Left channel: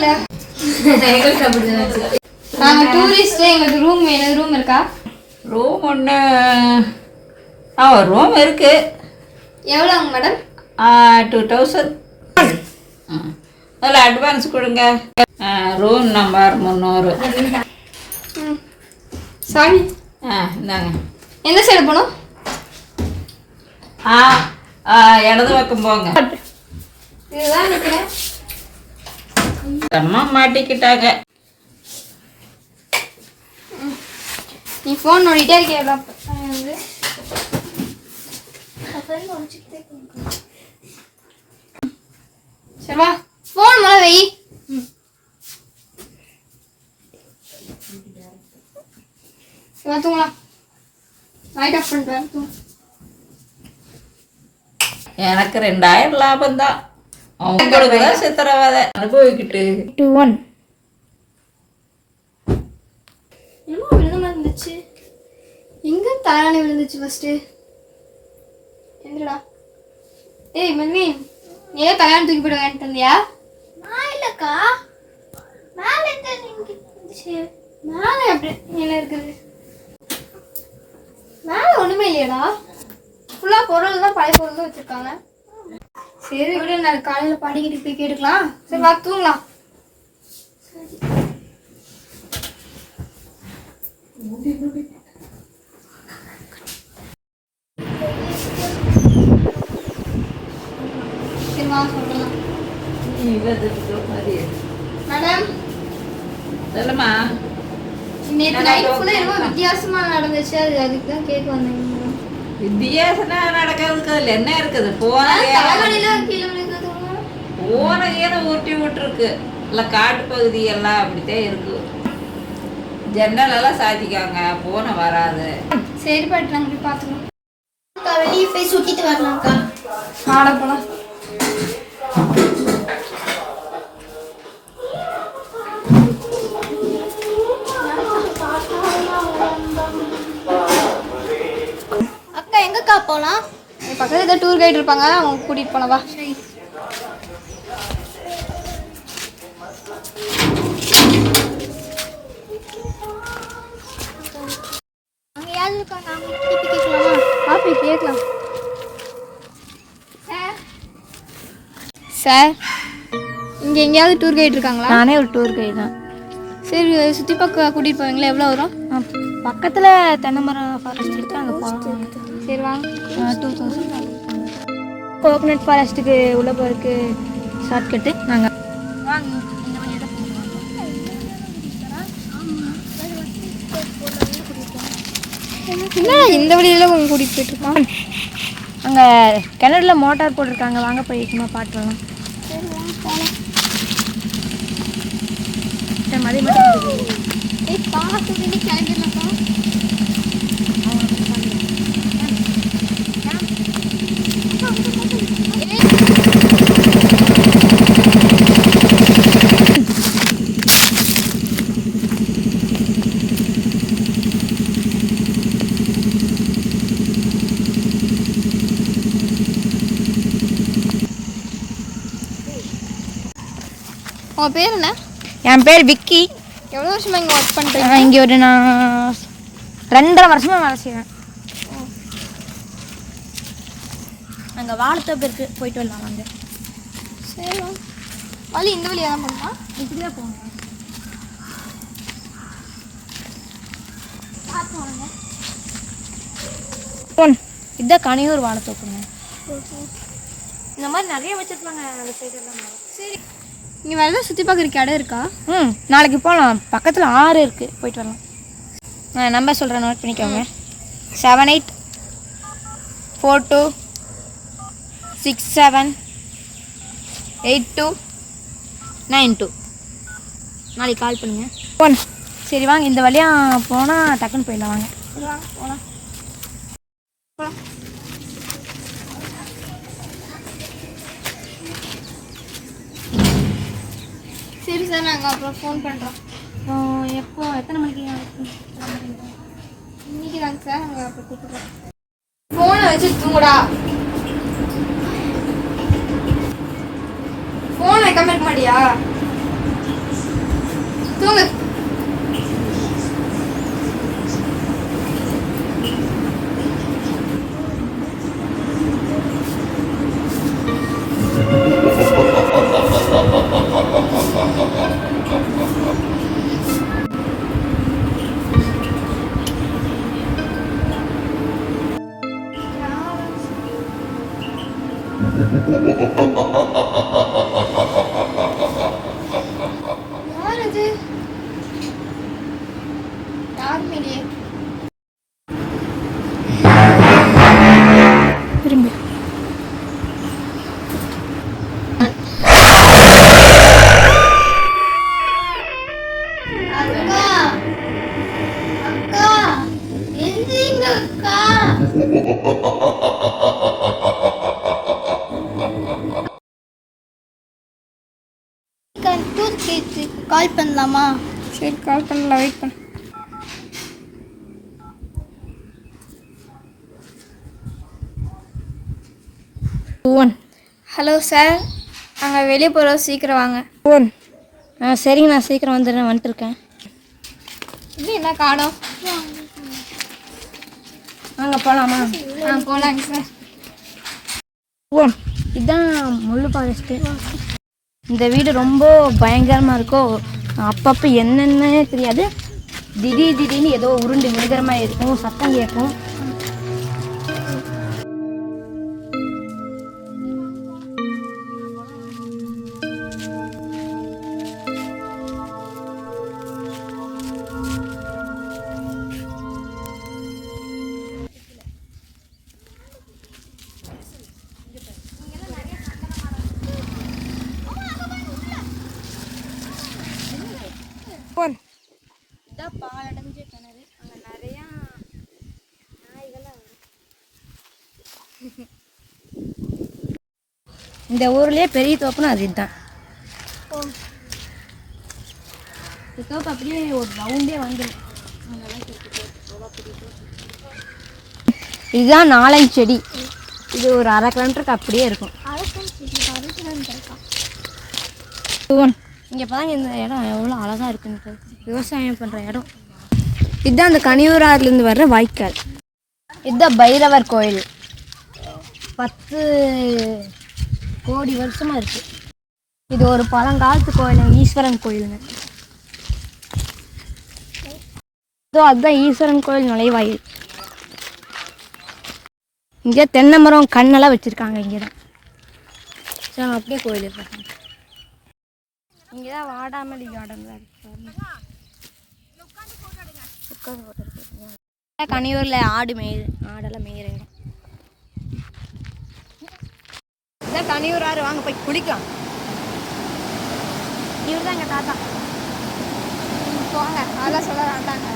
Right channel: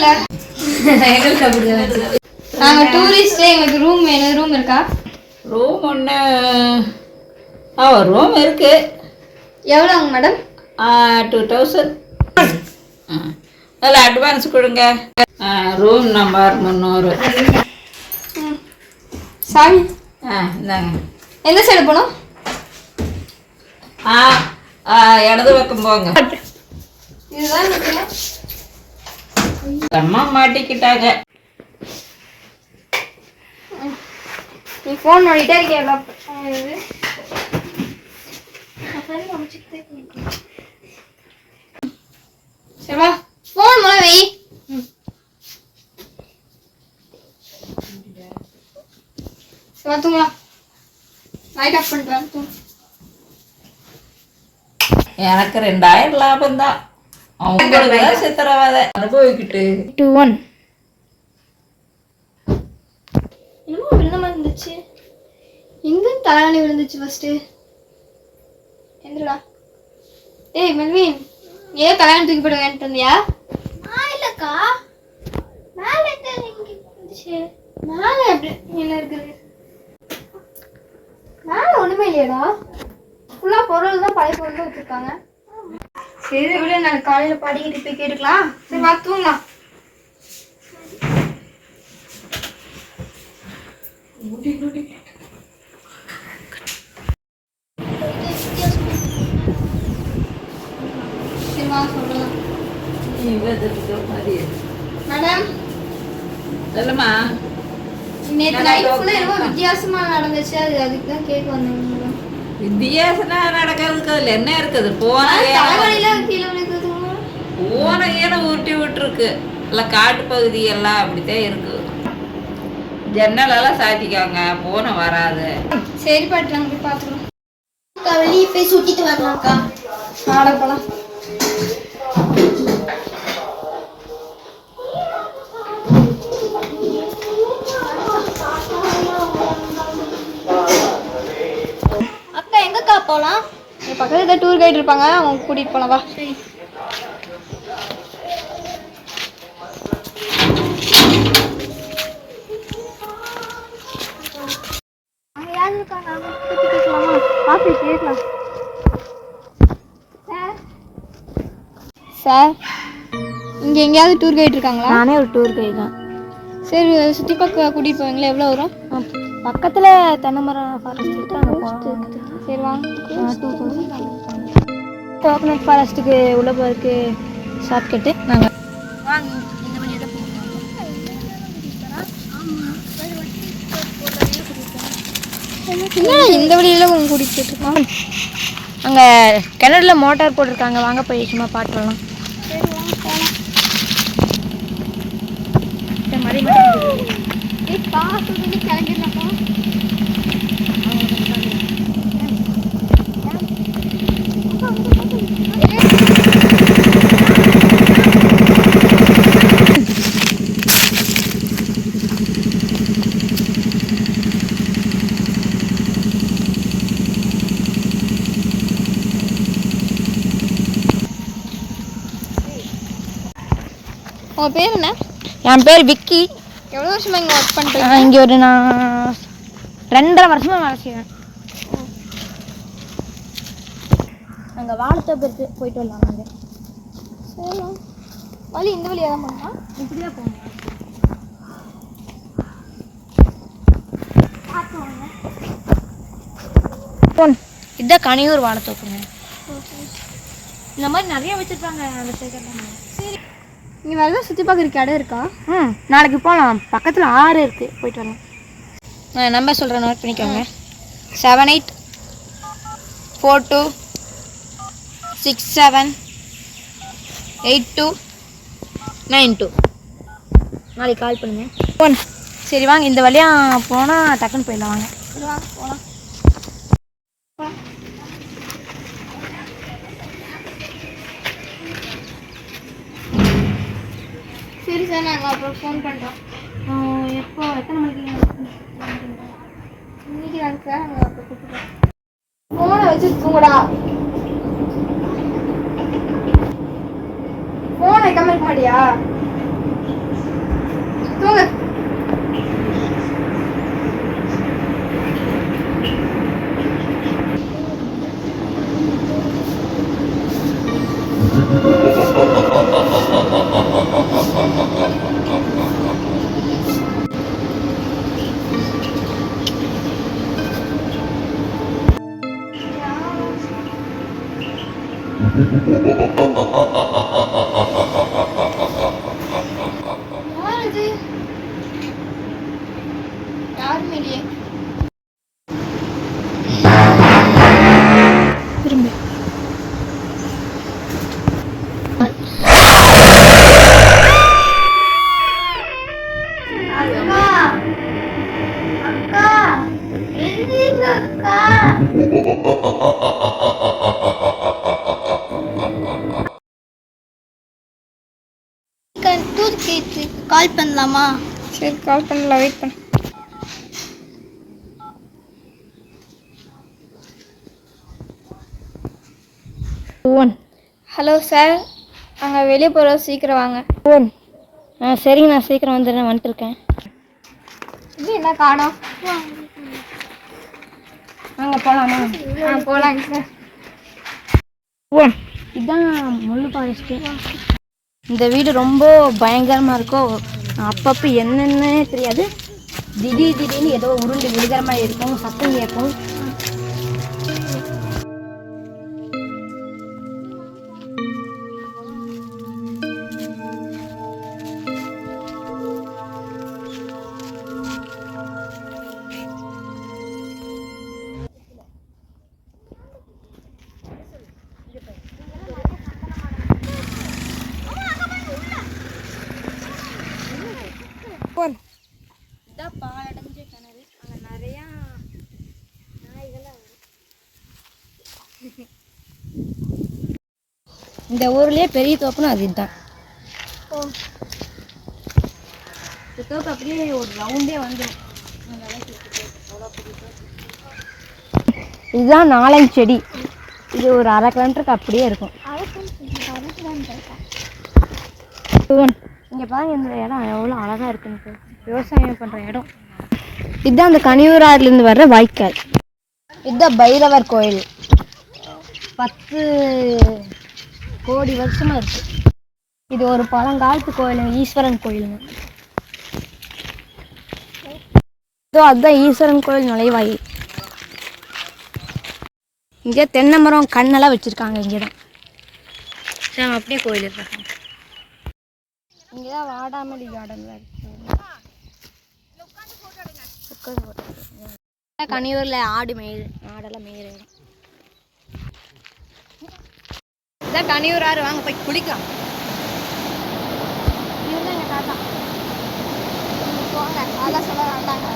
இல்லை. நாங்கள் டூரிஸ்ட்டு, எங்களுக்கு ரூம் வேணும். ரூம் இருக்கா? ரூம் ஒன்று ரூம் இருக்குது. எவ்வளோங்க மேடம்? 2000. அதில் அட்வான்ஸ் கொடுங்க. Room number 300. சாமி இந்தாங்க. எந்த சைடு போகணும்? இடது பக்கம் போங்க. இதுதான் இருக்கு. அம்மா மாட்டிக்கிட்டாங்க. நீ ஃபோன் நோண்டிட்டே இருக்கேன். சரிவா, ஃபோன் மேலே வை. தூங்கலாம். லைட் ஆஃப் பண்ணிட்டு வந்து எனக்கு 2000 லாபம் தான். அவங்களுக்கு தான் சித்திரவதை அனுபவிக்கிட்டு. 2-1 என்னமோ விழுந்த மாதிரி இருந்துச்சு. எங்கே தலையாணி விழுந்துச்சு ஃபஸ்ட்டு? எந்திரடா. ஏய் மெல்வின், ஏதோ தலையாணி தூக்கி போட்டு வாங்கிட்டு வந்தியா? இல்லைக்கா, மேலே இருந்துச்சு. மேலே எப்படி என்ன இருக்குது? மேலே ஒன்றுமே இல்லையடா. ஃபுல்லாக பொருள் தான், பழைய பொருள் தான் வச்சுருக்காங்க. சரி விட, நான் காலையில் படிக்கிட்டு போய் கேட்டுக்கலாம். சரி வா தூங்கலாம். மேடம் சொல்லுமா. நேற்று நைட் ஃபுல்லாக என்னமோ வித்தியாசமாக நடந்துச்சு. அதுக்கு தான் கேட்க வந்தேன். வித்தியாசம் நடக்கிறதுக்கு அதில் என்ன இருக்குது? போன ஏன ஊட்டி விட்டுருக்கு. இல்லை காட்டு பகுதி எல்லாம் அப்படித்தான் இருக்கு. ஜன்னலெல்லாம் சாத்திக்காங்க, போன வராது. சரி பாட்டு, நாங்கள் போய் பார்த்துக்கலாம். வெளியே போய் சுற்றிட்டு வரலாம்க்கா. ஆட போகலாம். அக்கா எங்கக்கா போகலாம்? பக்கத்தில் ஏதாவது டூர் கைடு இருப்பாங்க, அவங்க கூட்டிகிட்டு போகலாம். வா. சரி. அங்கே யார் இருக்காங்க? அவங்க திருப்பி கேட்கலாமா? பாப்பி கேட்கலாம். சார், இங்கே எங்கேயாவது டூர் கைடு இருக்காங்களா? நானே ஒரு டூர் கைடு தான். சரி, சுற்றி பக்கம் கூட்டிகிட்டு போவீங்களா? எவ்வளோ வரும்? பக்கத்தில் தென்னைமரம் ஃபாரஸ்ட் இருக்குது, அங்கே போகலாம். சரி வாங்க. 2000. கோகனட் ஃபாரஸ்ட்டுக்கு உள்ள போகிறதுக்கு ஷார்ட்கட்டு. நாங்கள் வாங்க இந்த வழியாக தான் போகணும். என்ன இந்த வழியில் உங்க கூட்டிகிட்டு இருக்கோம்? அங்கே கிணறுல மோட்டார் போட்டிருக்காங்க, வாங்க போய் சும்மா பாட்டு வரலாம். சரி வாங்க போகலாம். உங்கள் பேர் என்ன? என் பேர் விக்கி. எவ்வளோ வருஷமாக இங்கே ஒர்க் பண்ணுறேன்? இங்கே ஒரு நான் 2.5 வருஷமாக வேலை செய்வேன். அங்கே வாழைத்தோப்பு இருக்குது, போயிட்டு வரலாம். அங்கே சரி வழி இந்த வழியாக தான் போகணுமா? இப்படி தான் போகணும். இதுதான் கனியூர் வாழைத்தோப்புங்க. இந்த மாதிரி நிறைய வச்சுருப்பாங்க அந்த சைடெல்லாம். சரி, இங்கே வேலை சுற்றி பார்க்குறதுக்கு இடம் இருக்கா? நாளைக்கு போகலாம். பக்கத்தில் ஆறு இருக்குது, போயிட்டு வரலாம். நான் நம்பர் சொல்கிறேன், நோட் பண்ணிக்கோங்க. 7842678292. நாளைக்கு கால் பண்ணுங்கள். சரி வாங்க, இந்த வழியாக போனால் டக்குன்னு போயிடலாம். வாங்க. சரி வாங்க போகலாம். சரி சார், நாங்கள் அப்புறம் ஃபோன் பண்ணுறோம். எப்போ எத்தனை மணிக்கு? இன்னைக்கு தாங்க சார், நாங்கள் அப்புறம் கூப்பிட்றோம். ஃபோனை வச்சு தூங்குடா. ஃபோன் வைக்காம இருக்க மாட்டியா? தூங்கு. யார் இது? யாருமே இல்லையே. திரும்ப அக்கா, அக்கா, எந்திரிங்க அக்கா. தூக்கி கால் பண்ணலாமா? சரி கால் பண்ணலாம், வெயிட் பண்ண. ஹலோ சார், நாங்கள் வெளியே போகிறோம், சீக்கிரம் வாங்க. சரிங்க, நான் சீக்கிரம் வந்துட்டுருக்கேன். இது என்ன காணோம்? வாங்க போகலாமா? போகலாங்க சார். இதுதான் முள்ளு ஃபாரஸ்ட்டு. இந்த வீடு ரொம்ப பயங்கரமாக இருக்கு. அப்பப்போ என்னென்னே தெரியாது, திடீர்னு ஏதோ உருண்டு விழுகிற மாதிரி இருக்கும், சத்தம் கேட்கும். இதான் பாலடைஞ்ச கிணறு. அங்கே நிறையா நாய்கள்லாம் வருது. இந்த ஊர்லேயே பெரிய தோப்புனா அது இதுதான். இந்த தோப்பு அப்படியே ஒரு ரவுண்டே வந்துடும். இதுதான் நாலஞ்சு செடி. இது ஒரு 1/2 கிலோமீட்டருக்கு அப்படியே இருக்கும். இங்கே பாருங்க, இந்த இடம் எவ்வளோ அழகாக இருக்குன்னு. விவசாயம் பண்ணுற இடம். இதுதான் அந்த கனியூர் ஆறுலேருந்து வர்ற வாய்க்கால். இதுதான் பைரவர் கோயில். 10 கோடி வருஷமாக இருக்குது. இது ஒரு பழங்காலத்து கோயில், ஈஸ்வரன் கோயிலுங்க. இதோ அதுதான் ஈஸ்வரன் கோயில் நுழைவாயில். இங்கே தென்னை மரம் கண்ணெல்லாம் வச்சுருக்காங்க. இங்கே தான் சரி, அப்படியே கோயில் இருக்காங்க. இங்கே தான் வாடாமல்லி கார்டன் தான் இருக்கு. கனியூரில் ஆடெல்லாம் மேயிற இடம். இதான் கனியூர் ஆறு, வாங்க போய் குடிக்கலாம். இவங்க தான் எங்கள் தாத்தா. வாங்க, அதான் சொல்ல வேண்டாங்க.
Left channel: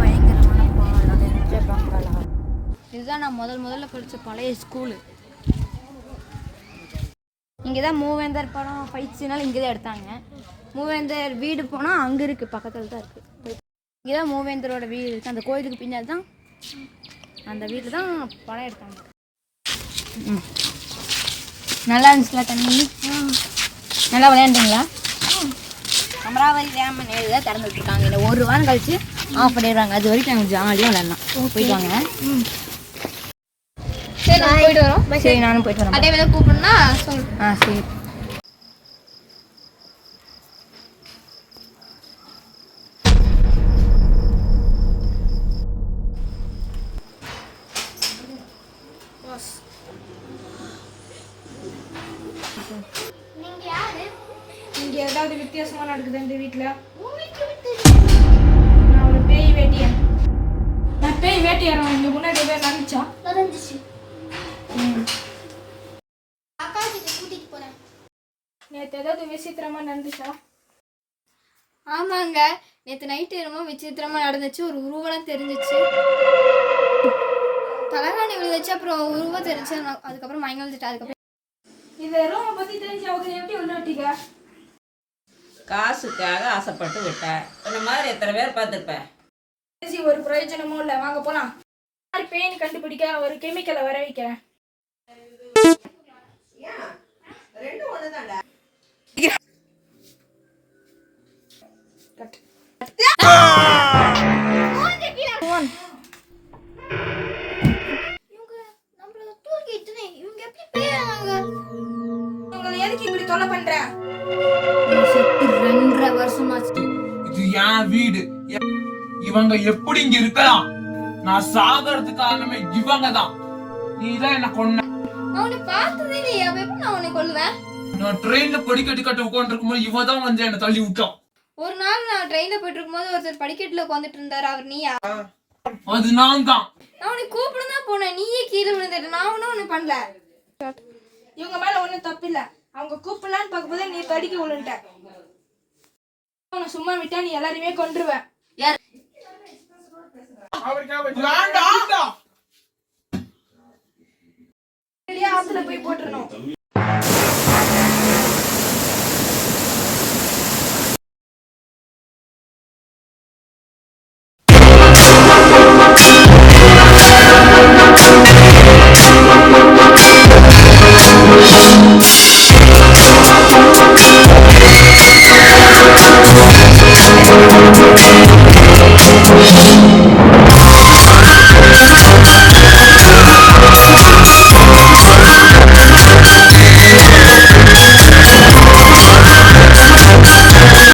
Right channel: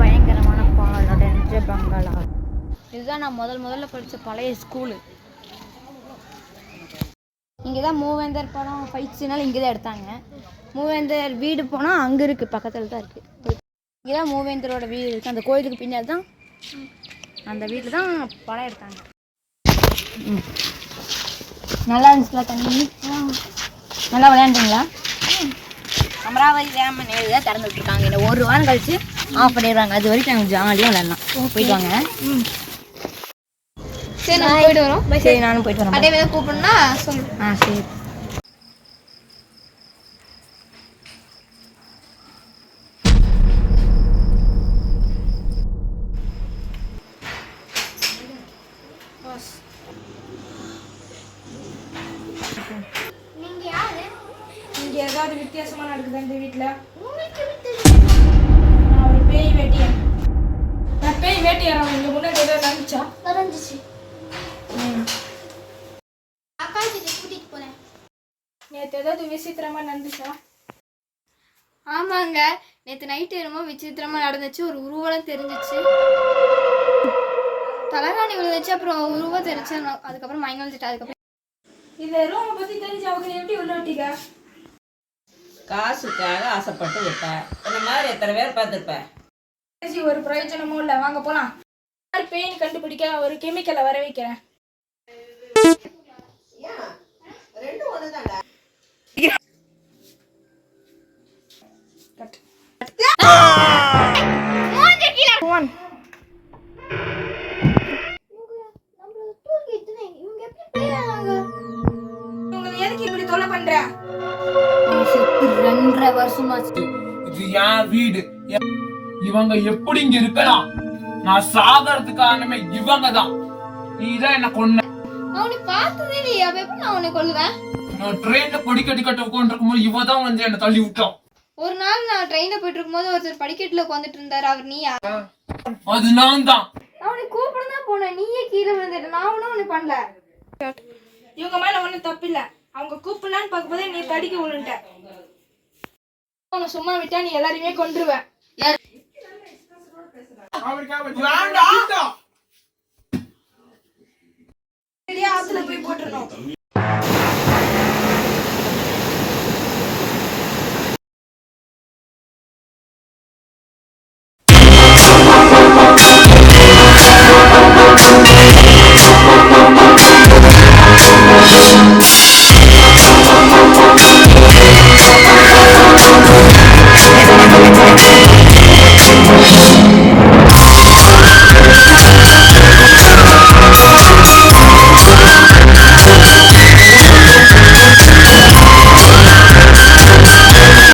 பயங்கரமான பங்களா. இதுதான் நான் முதல்ல படித்த பழைய ஸ்கூலு. இங்கே தான் மூவேந்தர் படம் ஃபைட்ஸுனால இங்கே தான் எடுத்தாங்க. மூவேந்தர் வீடு போனால் அங்கே இருக்குது, பக்கத்தில் தான் இருக்குது. இங்கே தான் மூவேந்தரோட வீடு இருக்குது. அந்த கோயிலுக்கு பின்னாடி தான் அந்த வீட்டில் தான் படம் எடுத்தாங்க. நல்லா இருந்துச்சுல தண்ணி? நல்லா விளையாண்டிங்களா? அமராவதி டேம் நேரு தான் திறந்து விட்டுருக்காங்க. இந்த 1 வாரம் கழிச்சு ஆஃப் பண்ணிடுறாங்க. அது வரைக்கும் நாங்கள் ஜாலியாக விளையாடலாம். போயிட்டு வாங்க. சரி, நான் போயிட்டு வரோம். சரி, நானும் போயிட்டு வரேன். அதே மாதிரி கூப்பிடுனா சொல்லு. சரி. நீங்க யாரு? இங்கே ஏதாவது வித்தியாசமாக நடக்குது இந்த வீட்டில்? நான் ஒரு பேய் வேட்டியன். நான் பேய் வேட்டியாரன். இங்கே முன்னாடி ஏதாவது நடந்துச்சா? நடந்துச்சு. அக்காவுக்கு கூட்டிட்டு போறேன். நேற்று ஏதாவது விசித்திரமாக நடந்துச்சா? ஆமாங்க, நேற்று நைட்டு ரொம்ப விசித்திரமா நடந்துச்சு. ஒரு உருவம் தெரிஞ்சிச்சு. தலைகாணி விழுந்துச்சு, அப்புறம் உருவம் தெரிஞ்சு. அதுக்கப்புறம் மயங்க வந்துட்டு. அதுக்கப்புறம் இந்த ரூமை பற்றி தெரிஞ்சு அவங்க எப்படி உள்ள விட்டீங்க? காசுக்காக ஆசைப்பட்டு விட்டேன். இந்த மாதிரி எத்தனை பேர் பார்த்துருப்பேன். ஒரு பிரயோஜனமும் இல்லை, வாங்க போலாம். பெயின் கண்டுபிடிக்க ஒரு கெமிக்கலை வர வைக்கிறேன். எதுக்கு இப்படி தொலை பண்ற? 2.5 வருஷமாச்சு. இது என் வீடு. இவங்க எப்படி இங்க இருக்கலாம்? நான் சாகிறதுக்கு காரணமே இவங்க தான். நீதான் என்ன கொன்ன. அவனை பார்த்ததே இல்லையே, அப்ப எப்படி நான் உன்னை கொல்லுவேன்? நான் ட்ரெயின்ல படிக்கட்டு கட்ட உட்காந்து இருக்கும்போது இவ தான் வந்து என்ன தள்ளி விட்டான். ஒரு நாள் நான் ட்ரெயின்ல போயிட்டு இருக்கும்போது ஒருத்தர் படிக்கட்டுல உட்காந்துட்டு இருந்தாரு, அவர் நீயா? அது நான் தான். நான் உன்னை கூப்பிட தான் போனேன், நீயே கீழே விழுந்துட்ட. நான் ஒன்னும் ஒண்ணு பண்ணல. இவங்க மேல ஒண்ணும் தப்பு இல்ல. அவங்க கூப்பிடலான்னு பார்க்கும்போது நீ தடிக்க விழுந்துட்ட. உன்னை சும்மா விட்டா நீ எல்லாரையுமே கொன்றுவேன். வேண்டாம். ஆத்துல போய் போட்டுறணும்.